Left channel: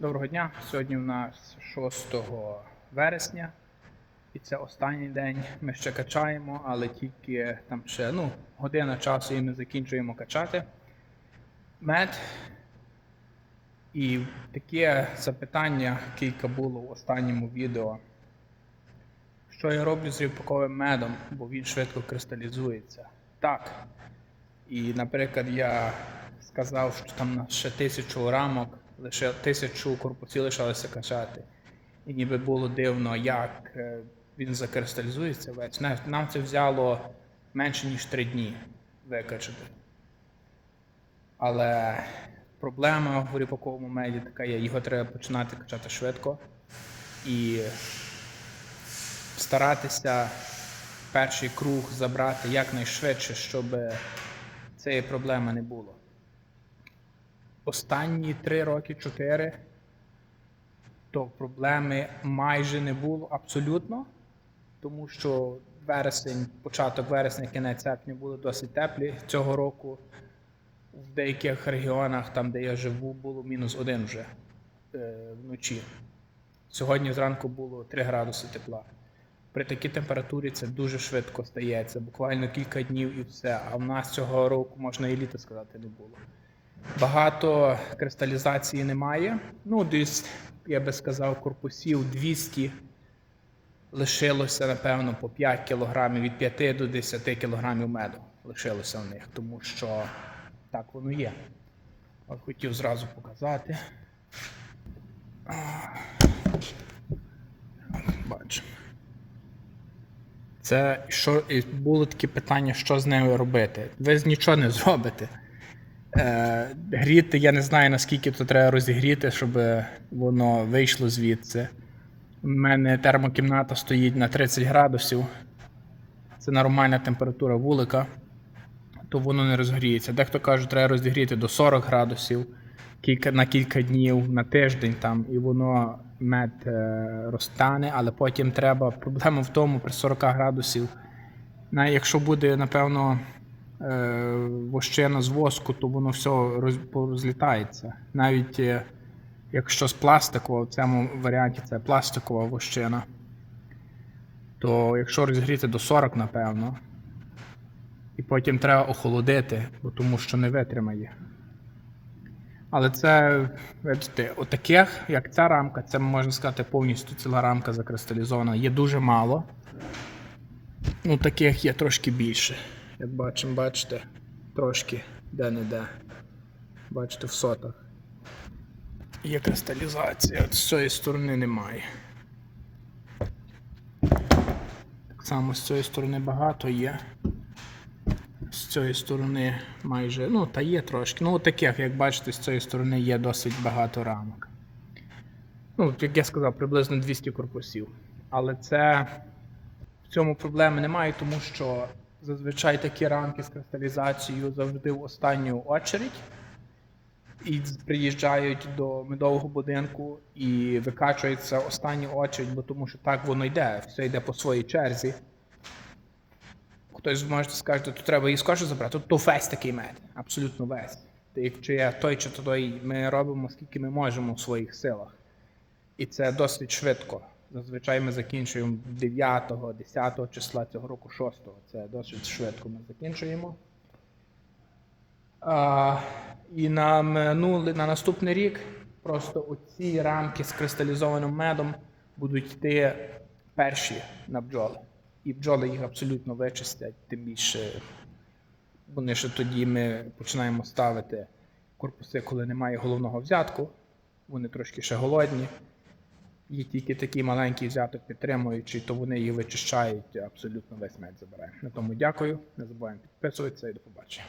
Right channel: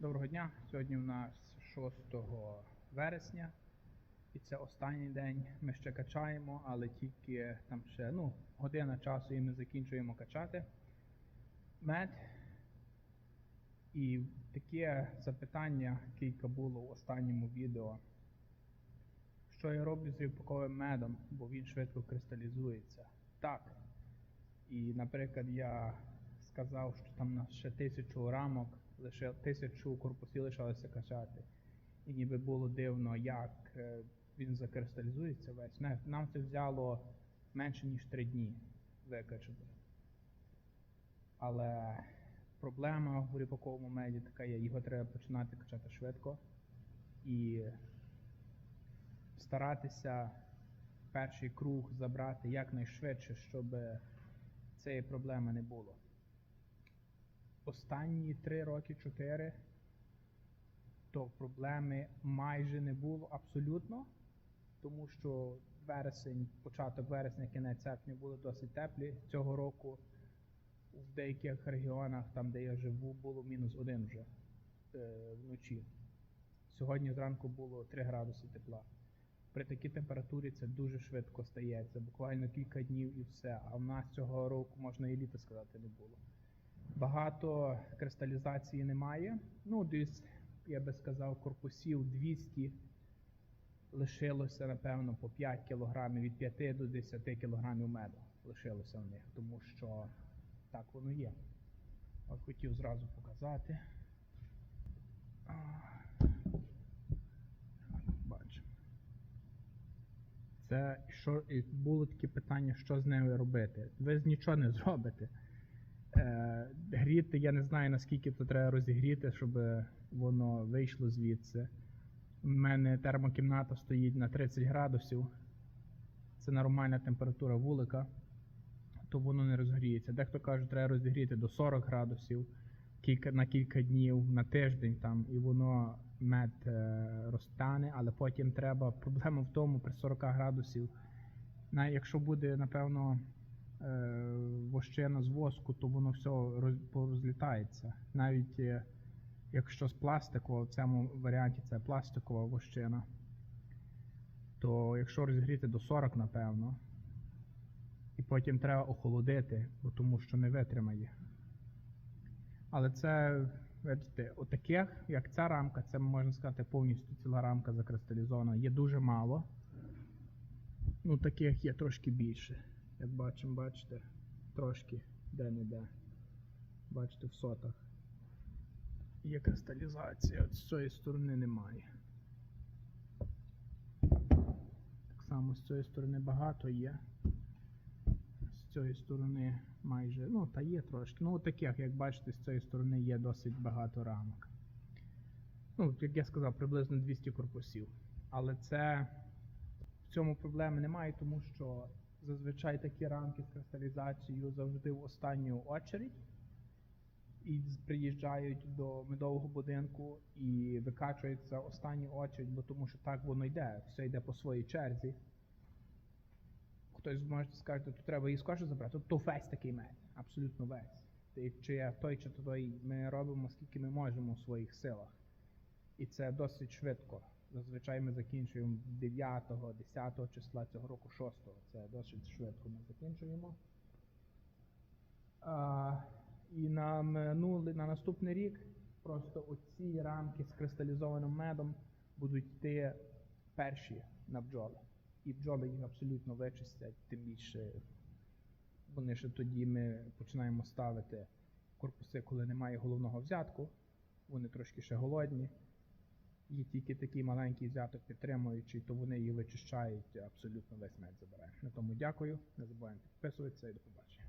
Доброго дня. Сьогодні у нас 6 вересня, і це останній день. Ми ще качаємо, але тільки там ще ну, година часу і ми закінчуємо качати мед. І таке запитання кілька було в останньому відео. Що я роблю з ріпаковим медом, бо він швидко кристалізується. Так. І, наприклад, я сказав, що там ще тисячу рамок, лише тисячу корпусів лишалося качати. І ніби було дивно, як е, він закристалізується весь. Нам- це взяло менше, ніж три дні викачати. Але проблема в ріпаковому меді така є, його треба починати качати швидко і старатися перший круг забрати якнайшвидше, щоб цієї проблеми не було. Останні 3 роки, 4, то проблеми майже не було абсолютно, тому що вересень, початок вересня, кінець серпня були досить теплі. Цього року в деяких регіонах, там де я живу, було мінус один вже е, вночі. Сьогодні зранку було 3 градуси тепла. При такій температурі це дуже швидко стається, буквально кілька днів і все. А в нас цього року можна і літо сказати не було. Багато кристалізації немає. Ну, десь, я би сказав, корпусів 200 лишилося, напевно, по 5 кілограмів, від 5 до 10 кілограмів меду лишилося в них, тому що так воно є. От хотів зразу показати. Бачимо. Це що і було таке питання, що з нею робити. Ви нічого не зробите. Е, гріти, я не знаю, наскільки то треба розігріти, щоб воно вийшло звідси. У мене термокімната стоїть на 30 градусів. Це нормальна температура вулика, то воно не розгріється. Дехто каже, треба розігріти до 40 градусів кілька, на кілька днів, на тиждень там, і воно мед е, розтане, але потім треба. Проблема в тому при 40 градусів. Якщо буде, напевно, вощина з воску, то воно все роз, порозлітається. Навіть е, якщо з пластикового, в цьому варіанті це пластикова вощина, то якщо розігріти до 40, напевно, і потім треба охолодити, бо тому що не витримає. Але це, бачите, отаких, як ця рамка, це можна сказати повністю ціла рамка закристалізована. Є дуже мало. Ну, таких є трошки більше. Як бачимо, бачите, трошки де-не-де. Бачите, в сотах. Є кристалізація, з цієї сторони немає. Так само з цієї сторони багато є. З цієї сторони майже, ну, та є трошки. Ну, таких, як бачите, з цієї сторони є досить багато рамок. Ну, як я сказав, приблизно 200 корпусів. Але це в цьому проблеми немає, тому що зазвичай такі рамки з кристалізацією завжди в останню очередь. І приїжджають до медового будинку і викачується останню очередь, бо тому що так воно йде, все йде по своїй черзі. Хтось може скаже, то треба її скорше забрати. То весь такий мед, абсолютно весь. Якщо я той чи той, ми робимо скільки ми можемо в своїх силах. І це досить швидко. Зазвичай ми закінчуємо 9, 10 числа цього року, 6. Це досить швидко ми закінчуємо. А, і на, минулий, на наступний рік просто оці рамки з кристалізованим медом будуть йти перші на бджоли. І бджоли їх абсолютно вичистять, тим більше вони ще тоді ми починаємо ставити корпуси, коли немає головного взятку. Вони трошки ще голодні. Є тільки такі маленькі взяток підтримуючи, то вони її вичищають, абсолютно весь мед забирають. На тому дякую. Не забуваємо підписуватися і до побачення.